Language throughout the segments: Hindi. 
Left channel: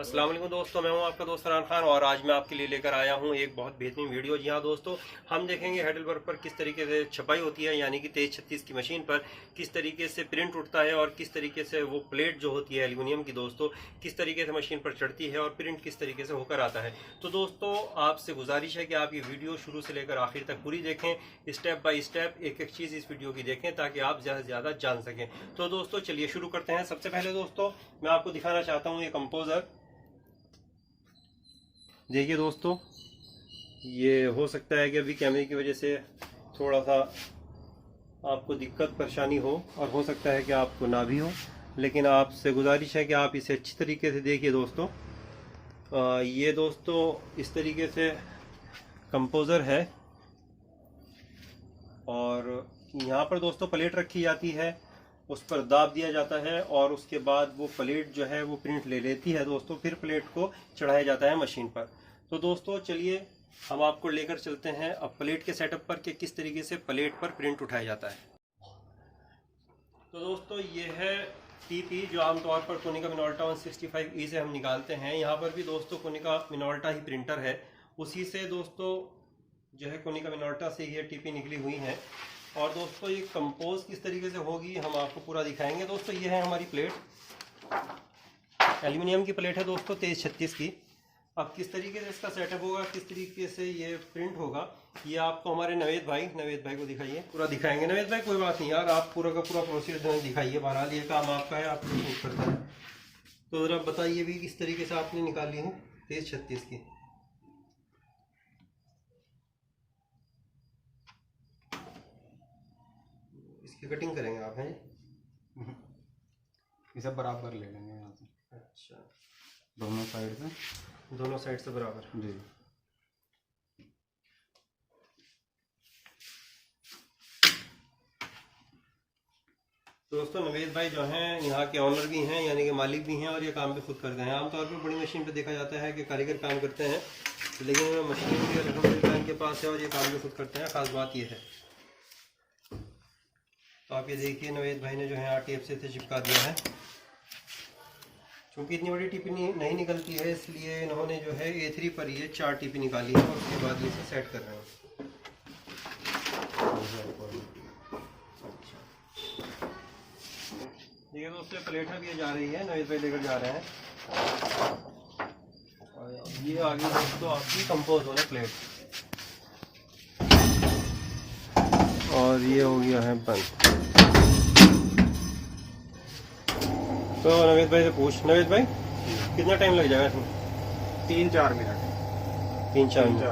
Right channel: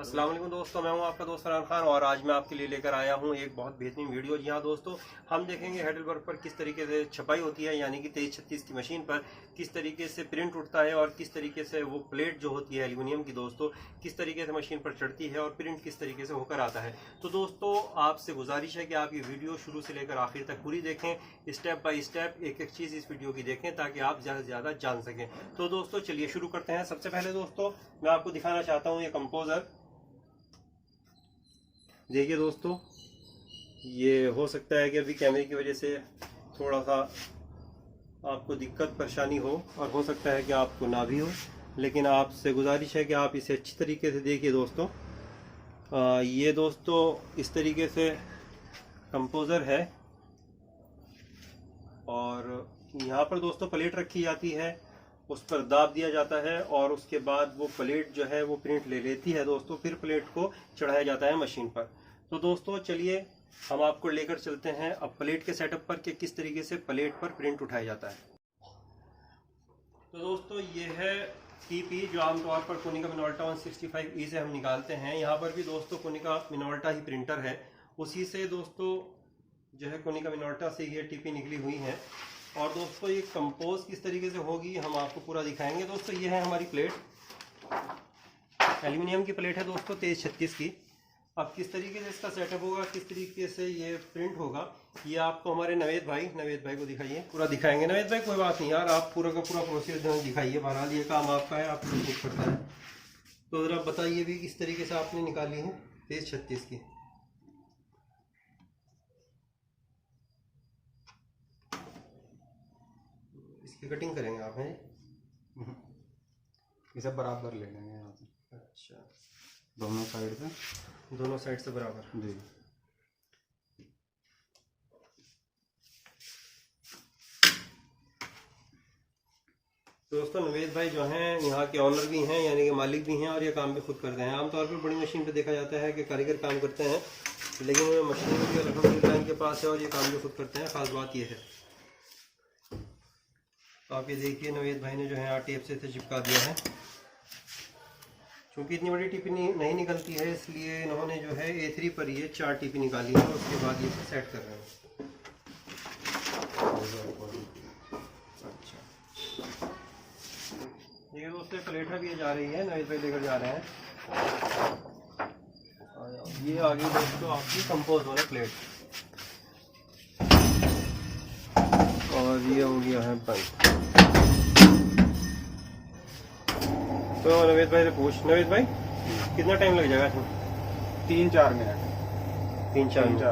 अस्सलाम वालेकुम दोस्तों, मैं हूं आपका दोस्त फरहान खान और आज मैं आपके लिए लेकर आया हूं एक बहुत बेहतरीन वीडियो। जी हाँ दोस्तों, हम देखेंगे हैडलबर्ग पर किस तरीके से छपाई होती है, यानी कि 2336 की मशीन पर किस तरीके से प्रिंट उठता है और किस तरीके से वो प्लेट जो होती है एल्यूमिनियम की दोस्तों किस तरीके से मशीन पर चढ़ती है और प्रिंट किस तरीके से होकर आता है। तो दोस्तों आपसे गुजारिश है कि आप ये वीडियो शुरू से लेकर आखिर तक पूरी देखें, स्टेप बाय स्टेप एक एक चीज़ इस वीडियो की देखें ताकि आप ज़्यादा से ज़्यादा जान सकें। तो दोस्तों चलिए शुरू करते हैं। सबसे पहले दोस्तों मैं आपको दिखाना चाहता हूँ ये कंपोजर। देखिए दोस्तों, ये हो सकता है कि अभी कैमरे की वजह से थोड़ा सा आपको दिक्कत परेशानी हो और हो सकता है कि आपको ना भी हो, लेकिन आपसे गुजारिश है कि आप इसे अच्छी तरीके से देखिए दोस्तों। ये दोस्तों इस तरीके से कंपोजर है और यहाँ पर दोस्तों प्लेट रखी जाती है, उस पर दाब दिया जाता है और उसके बाद वो प्लेट जो है वो प्रिंट ले लेती है दोस्तों। फिर प्लेट को चढ़ाया जाता है मशीन पर। तो दोस्तों चलिए हम आपको लेकर चलते हैं अब प्लेट के सेटअप पर कि किस तरीके से प्लेट पर प्रिंट उठाया जाता है। तो दोस्तों ये है टीपी जो आमतौर पर कोनिका मिनोल्टा 165E से हम निकालते हैं। यहाँ पर भी दोस्तों कोनिका मिनोल्टा ही प्रिंटर है, उसी से दोस्तों जो है कोनिका मिनोल्टा से ये टीपी निकली हुई है। और दोस्तों ये कंपोज किस तरीके से होगी हम आपको पूरा दिखाएंगे। दोस्तों ये है हमारी प्लेट, एल्यूमिनियम की प्लेट है दोस्तों 2336 की। अब किस तरीके से इसका सेटअप होगा, किस तरीके से ये प्रिंट होगा, ये आपको हमारे नवेद भाई को दिखाइए, पूरा दिखाएंगे। नवेद भाई कोई बात नहीं यार, आप पूरा का पूरा प्रोसेस दिखाइए, बहरहाल ये काम आपका है, आप सपोर्ट करता है। तो ज़रा बताइए भी किस तरीके से आपने निकाली है 2336 की। इसकी कटिंग करेंगे आप हैं? ये सब बराबर ले लेंगे यहाँ से। अच्छा, दोनों साइड से बराबर जी। दोस्तों नवेद भाई जो हैं यहाँ के ऑनर भी हैं, यानी कि मालिक भी हैं, और ये काम भी खुद करते हैं। आमतौर पर बड़ी मशीन पे देखा जाता है कि कारीगर काम करते हैं, लेकिन उन्हें मशीन भी अल्हम्दुलिल्लाह इनके पास है और ये काम भी खुद करते हैं। खास बात ये है। तो आप ये देखिए नवेद भाई ने जो है आरटीएफ से चिपका दिया है। चूँकि इतनी बड़ी टिपी नहीं निकलती है, इसलिए इन्होंने जो है A3 पर ये 4 टिपी निकाली है और उसके बाद ये सेट कर रहे हैं। अच्छा, देखिए दोस्तों प्लेट भी जा रही है, नवेद भाई लेकर जा रहे हैं। ये आ गई दोस्तों आपकी कंपोज वाला प्लेट और ये हो गया है बल्ब। तो नवेद भाई से पूछ, नवेद भाई कितना टाइम लग जाएगा इसमें? 3-4 मिनट। 3-4 मिनट।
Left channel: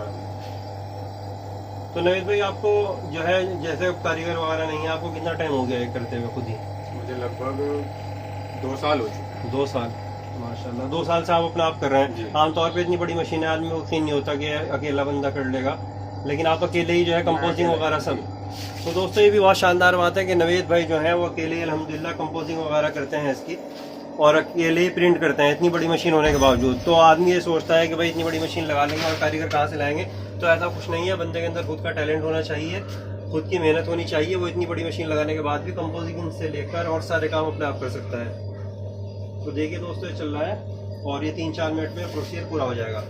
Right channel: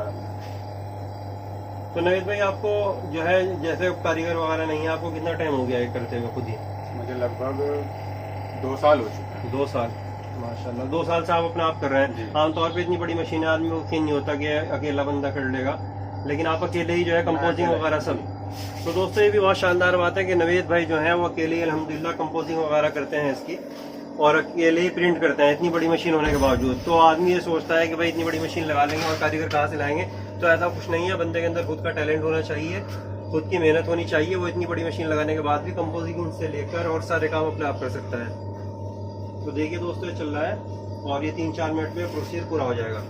तो नवेद भाई आपको जो है जैसे कारीगर वगैरह नहीं है, आपको कितना टाइम हो गया है करते हुए खुद ही? मुझे लगभग 2 साल हो चुके। 2 साल, माशाल्लाह 2 साल से आप अपना आप कर रहे हैं। आमतौर पे इतनी बड़ी मशीन आदमी को यकीन नहीं होता कि अकेला बंदा कर लेगा, लेकिन आप अकेले ही जो है कंपोजिंग वगैरह सब। तो दोस्तों ये भी बहुत शानदार बात है कि नवेद भाई जो है वो अकेले ही अल्हम्दुलिल्लाह कंपोजिंग वगैरह करते हैं इसकी, और अकेले ही प्रिंट करते हैं इतनी बड़ी मशीन होने के बावजूद। तो आदमी ये सोचता है कि भाई इतनी बड़ी मशीन लगा लेंगे और कारीगर कहाँ से लाएंगे, तो ऐसा कुछ नहीं है। बंदे के अंदर खुद का टैलेंट होना चाहिए, खुद की मेहनत होनी चाहिए। वो इतनी बड़ी मशीन लगाने के बाद भी कंपोजिंग से लेकर और सारे काम अपने आप कर सकता है। तो देखिए दोस्तों ये चल रहा है और ये 3-4 मिनट में प्रोसीजर पूरा हो जाएगा।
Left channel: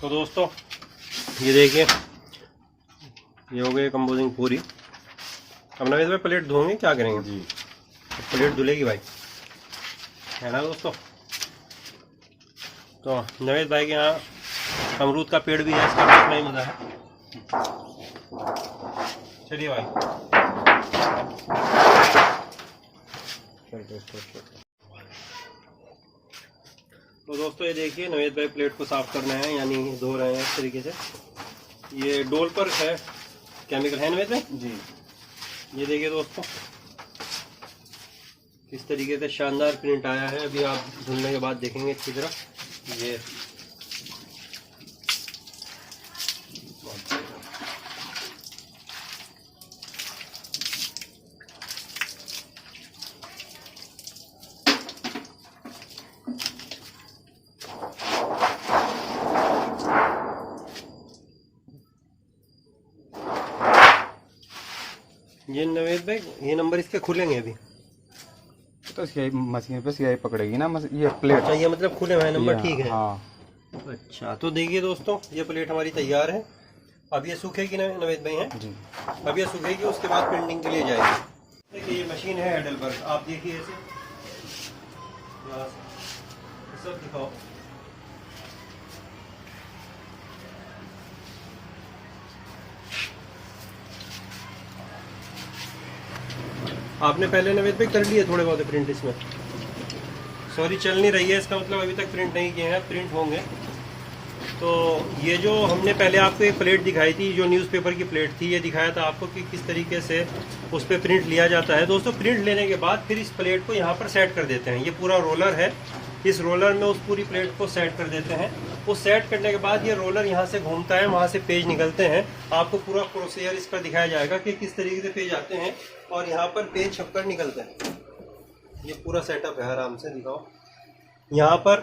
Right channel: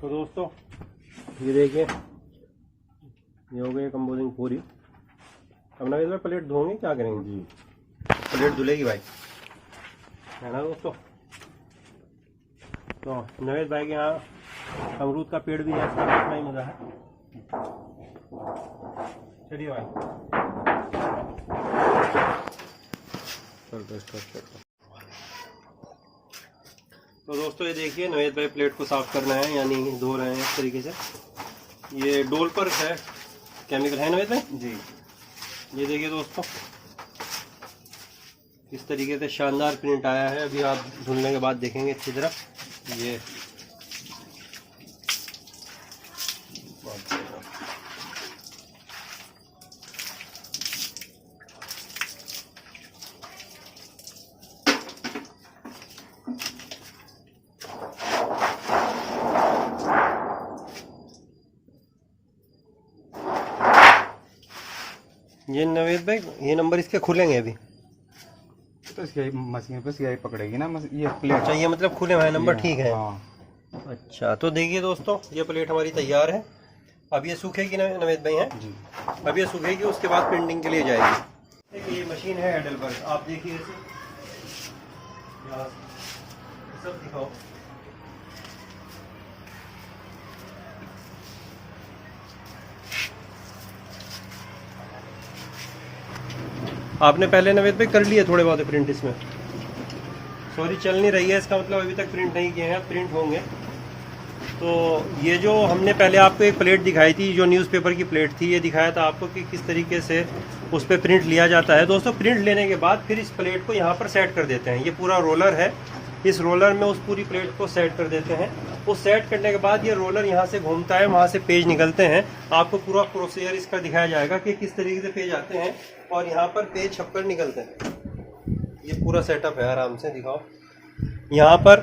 तो दोस्तों ये देखिए ये हो गई कंपोजिंग पूरी। अब नवेद भाई प्लेट धोएंगे, क्या करेंगे जी? प्लेट धुलेगी भाई, है ना दोस्तों। तो नवेद भाई के यहाँ अमरूद का पेड़ भी है, इसका भी अपना ही मज़ा है। चलिए भाई तो दोस्तों ये देखिए नवेद भाई प्लेट को साफ करना है, यानी धो रहे हैं इस तरीके से। ये डोल पर है केमिकल, है नवेद भाई जी। ये देखिए दोस्तों इस तरीके से शानदार प्रिंट आया है। अभी आप धुलने के बाद देखेंगे अच्छी तरह। ये ये नवेद भाई, ये नंबर इसके खुलेंगे अभी? तो सियाई मशीन पे सियाई पकड़ेगी ना ये प्लेट। अच्छा, ये मतलब खुले हुए हैं नंबर, ठीक है। हाँ। अच्छा, तो देखिए दोस्तों, ये प्लेट हमारी तैयार है। अब ये सूखेगी ना नवेद भाई? है जी। अब ये सूखेगी, उसके बाद प्रिंटिंग के लिए जाएगी। देखिए ये मशीन है हेडलबर्ग, आप देखिए ऐसे यहाँ से सब दिखाओ। आपने पहले नवेद भाई कर लिए थोड़े बहुत प्रिंट इसमें? सॉरी, चल नहीं रही है, इसका मतलब अभी तक प्रिंट नहीं किए हैं, प्रिंट होंगे। तो ये जो हमने पहले आपको एक प्लेट दिखाई थी, जो न्यूज़पेपर की प्लेट थी, ये दिखाया था आपको कि किस तरीके से उस पर प्रिंट लिया जाता है। दोस्तों, प्रिंट लेने के बाद फिर इस प्लेट को यहाँ पर सेट कर देते हैं। ये पूरा रोलर है, इस रोलर में उस पूरी प्लेट को सेट कर देते हैं। वो सेट करने के बाद ये रोलर यहाँ से घूमता है, वहाँ से पेज निकलते हैं। आपको पूरा प्रोसीजर इसका दिखाया जाएगा कि किस तरीके से पेज आते हैं और यहाँ पर पेज छपकर निकलते हैं। ये पूरा सेटअप है, आराम से दिखाओ। यहाँ पर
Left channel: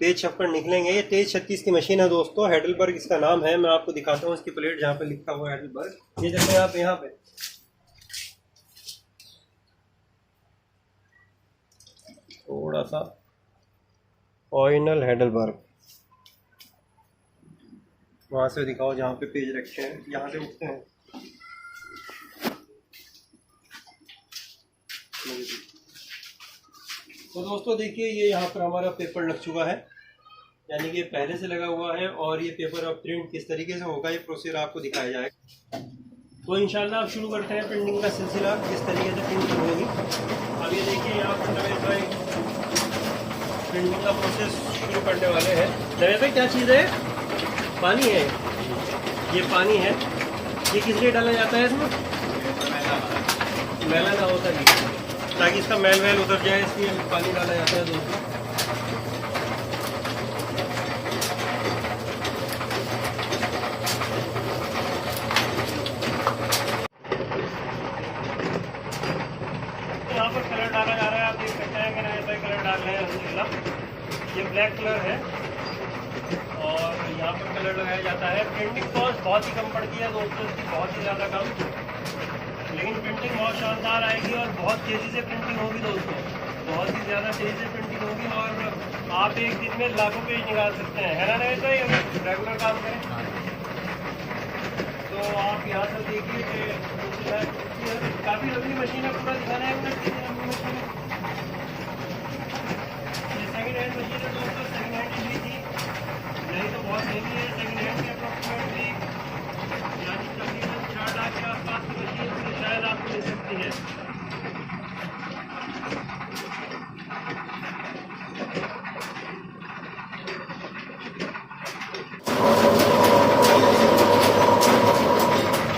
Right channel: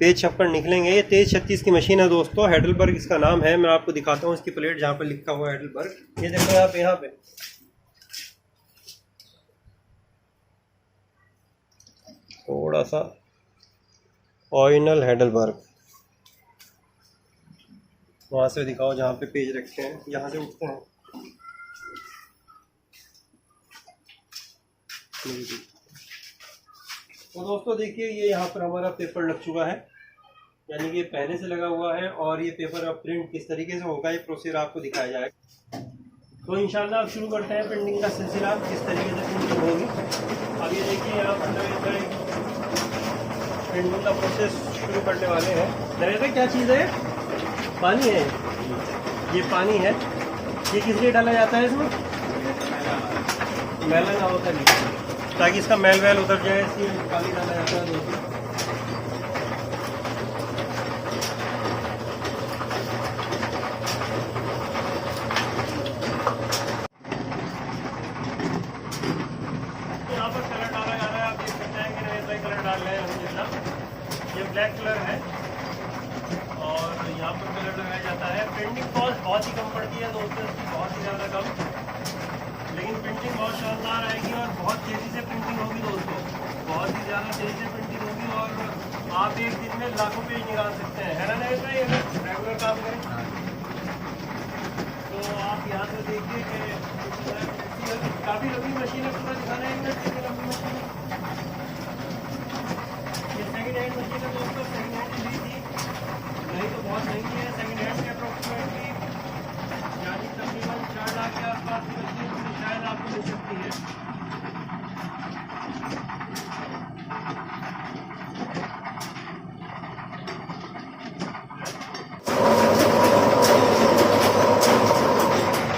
पेज छपकर निकलेंगे। ये 2336 की मशीन है दोस्तों, हेडलबर्ग इसका नाम है। मैं आपको दिखाता हूँ इसकी प्लेट, जहाँ पर लिखा हुआ है हेडलबर्ग। ये देखो यहाँ पे थोड़ा सा ऑरिजिनल हेडलबर्ग, वहां से दिखाओ जहाँ पे पेज रखे हैं, यहाँ से उठते हैं। तो दोस्तों देखिए, ये यहाँ पर हमारा पेपर लग चुका है, यानी कि पहले से लगा हुआ है। और ये पेपर अब प्रिंट किस तरीके से होगा, ये प्रोसीजर आपको दिखाया जाएगा। तो इंशाल्लाह अब शुरू करते हैं प्रिंटिंग का सिलसिला, किस तरीके से प्रिंटिंग होगी। अब ये देखिए, यहाँ पर प्रिंटिंग का प्रोसेस शुरू करने वाले हैं। नवेद भाई, क्या चीज़ है? पानी है, ये पानी है। ये किस लिए डाला जाता है इसमें? मैला ना होता है, ताकि इसका मैल वैल उतर जाए, इसलिए पानी डाला जाता है दोस्तों। यहाँ पर कलर डाला जा रहा है, आप देख सकते हैं कि नए भाई कलर डाल रहे हैं अल्हम्दुलिल्लाह। ये ब्लैक कलर है और यहाँ पर कलर लगाया जाता है। प्रिंटिंग कॉस्ट बहुत ही कम पड़ती है दोस्तों, इसकी बहुत ही ज़्यादा कम, लेकिन प्रिंटिंग बहुत शानदार आएगी और बहुत तेज़ी से प्रिंटिंग होगी दोस्तों, बहुत ही ज़्यादा तेज़ी से प्रिंटिंग होगी। और आप एक दिन में लाखों पेज निकाल सकते हैं, है ना नवेद भाई, अगर रेगुलर काम करें। तो आप यहाँ से देखिए कि काफ़ी लंबी मशीन है, पूरा दिखाना है लंबी मशीन। ये सेकेंड हैंड मशीन है दोस्तों, सेकेंड हैंड ली थी, नहीं तो बहुत महंगी है। सेकेंड हैंड की अप्रोक्सीमेटली यानी तकरीबन 4 लाख के आसपास की मशीन शायद आपको मिल सकती है।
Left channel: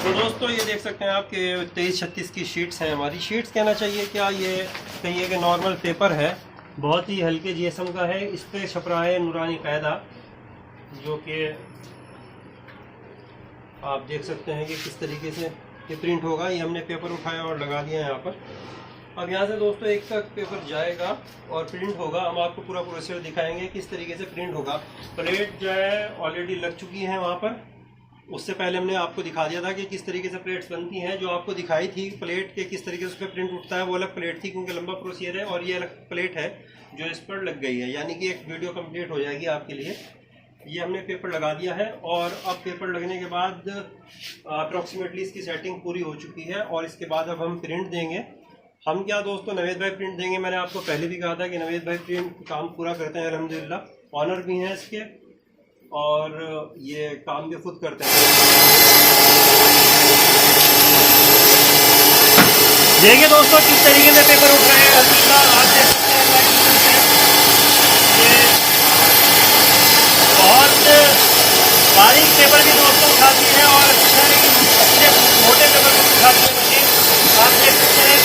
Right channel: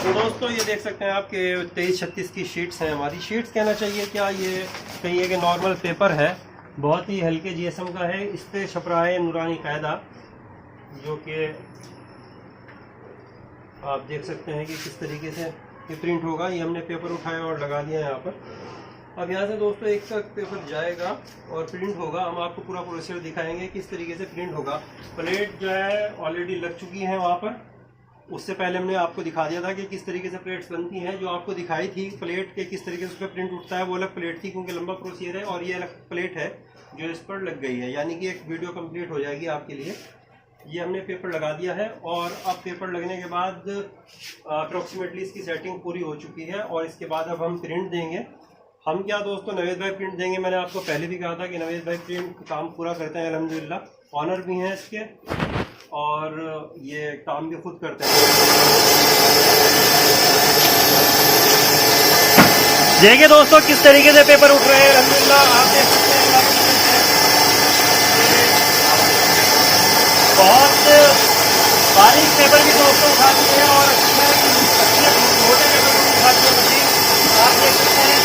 तो दोस्तों, ये देख सकते हैं आपके 2336 की शीट्स हैं हमारी। शीट्स कहना चाहिए क्या, ये कहिए कि नॉर्मल पेपर है, बहुत ही हल्के जीएसएम का है। इस पर छप रहा है नूरानी कायदा, जो कि आप देख सकते हैं कि किस तरीके से ये प्रिंट होगा। ये हमने पेपर उठाया और लगा दिया यहाँ पर। अब यहाँ से दोस्तों एक तक पेपर जाएगा और प्रिंट होगा। हम आपको पूरा प्रोसेस दिखाएंगे किस तरीके से प्रिंट होगा। प्लेट जो है ऑलरेडी लग चुकी है वहाँ पर, उससे पहले हमने आपको दिखा दिया था कि किस तरीके से प्लेट्स बनती हैं। जो आपको दिखाई थी प्लेट के किस तरीके से उस पर प्रिंट उठता है, वो अलग प्लेट थी क्योंकि लंबा प्रोसीजर है, और ये अलग प्लेट है जो इस पर लग गई है, यानी कि एक वीडियो कंप्लीट हो जाएगी आपके लिए। ये हमने पेपर लगा दिया है और अब पेपर लगने के बाद अप्रोक्सीमेटली इसकी सेटिंग पूरी हो चुकी है और इसके बाद अब हम प्रिंट देंगे। हम क्या दोस्तों, नवेद भाई प्रिंट देंगे। मैंने आपको पहले भी कहा था कि नवेद भाई प्रिंट काम पूरा करते हैं अल्हम्दुलिल्लाह, ऑनर भी हैं इसके और ये काम भी खुद करते हैं। देखिए दोस्तों किस तरीके से पेपर उठ रहे हैं अल्हम्दुलिल्लाह। आप देख सकते हैं ये बहुत बारीक पेपर भी दोस्तों उठाती है और अच्छे मोटे पेपर को उठाती है मशीन। आप देख सकते हैं,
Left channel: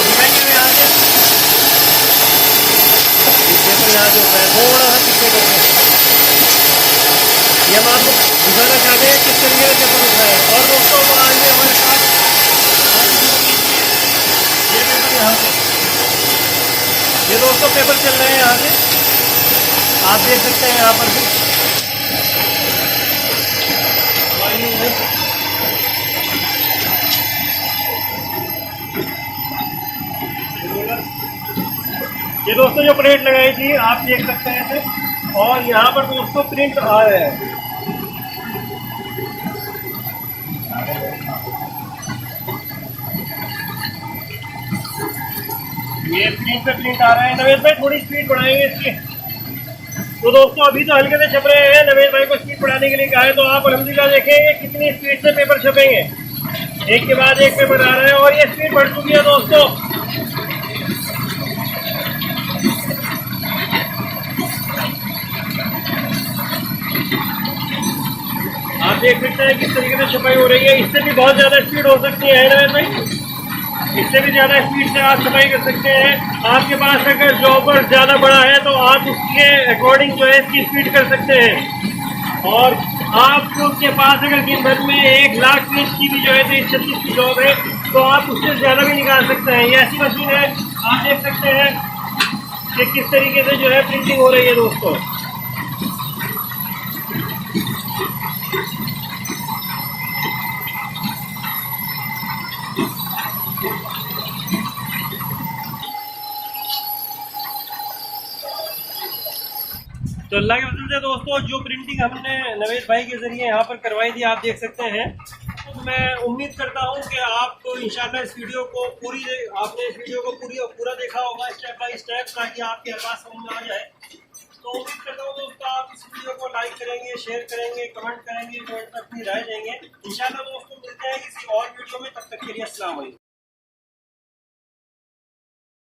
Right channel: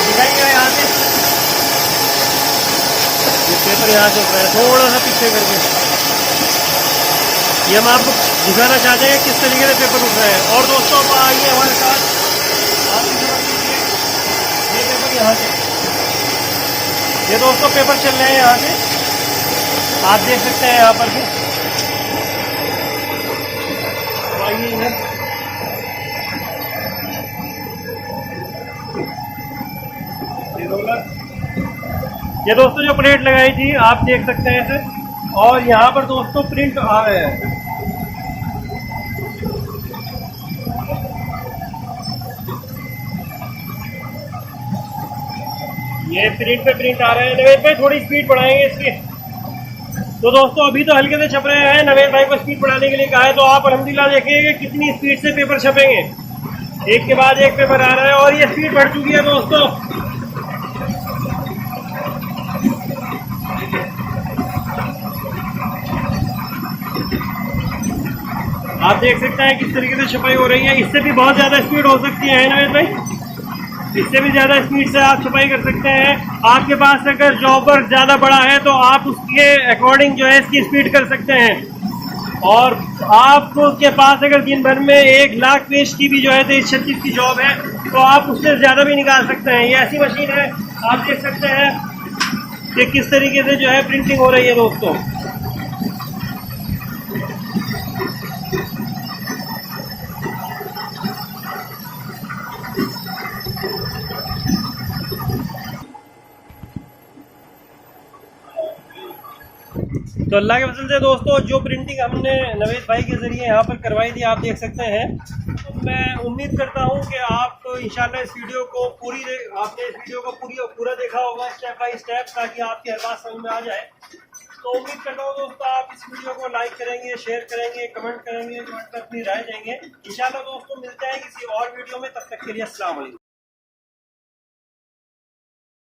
दिखाएंगे यहाँ से पेपर यहाँ से थोड़ा सा पीछे कर दें। ये हम आपको दिखाना चाहते हैं किस तरीके से पेपर उठ रहा है। और दोस्तों को आइए हमारे साथ, ये पेपर यहाँ से, ये दोस्तों पेपर चल रहे हैं यहाँ से, आप देख सकते हैं यहाँ पर भी। आइए ये दोस्तों जो प्लेट लगाई थी आप देख सकते हैं इसे, और यहाँ पर दोस्तों प्रिंट आ रहा है। ये प्रिंट पे प्रिंट आ रहा है। नवेद भाई थोड़ी स्पीड बढ़ाएंगे इसकी। तो दोस्तों अभी तो हल्के से छप रहे हैं, नवेद भाई को स्पीड बढ़ाने के लिए कहा है, तो आप अल्हम्दुलिल्लाह देखेंगे कितनी स्पीड से पेपर छपेंगे। एक के बाद एक पेपर आ रहा है और ये स्पीड बढ़ चुकी है दोस्तों। आप देख सकते हैं किस तरीके से छपाई हो रही है। इससे भी बहुत ज्यादा स्पीड हो सकती है नवेद भाई, इससे भी ज्यादा स्पीड से आप छपाई कर सकते हैं। आपके पास अगर जॉबर ज्यादा बड़ा है तो आप उसके अकॉर्डिंग जो है इसकी स्पीड कर सकते हैं। और आपको उसके पास अगर दिन भर में 1 लाख पेज की भी जो है 23-36 की जॉब है तो आप उससे ज्यादा भी निकाल सकते हैं। ये ऐसी मशीन है, आप देख सकते हैं कि किस तरीके से जो है प्रिंटिंग हो रही है दोस्तों। तो अल्लाह के फजल से दोस्तों जो प्रिंटिंग हमने नवेद भाई के ज़रिए यहाँ पर करवाई थी आप देख सकते हैं। तो मैं उम्मीद करता हूँ कि आप इंशाल्लाह इस वीडियो को आपने इस वीडियो को पूरा देखा होगा स्टेप बाय स्टेप, ताकि आपकी हर बात समझ में आ जाए। तो उम्मीद करता हूँ दोस्तों आप इस वीडियो को लाइक करेंगे, शेयर करेंगे, कमेंट करेंगे, कमेंट पर अपनी राय देंगे। इंशाल्लाह दोस्तों मिलते हैं किसी और वीडियो में, तब तक के लिए अस्सलाम वालेकुम।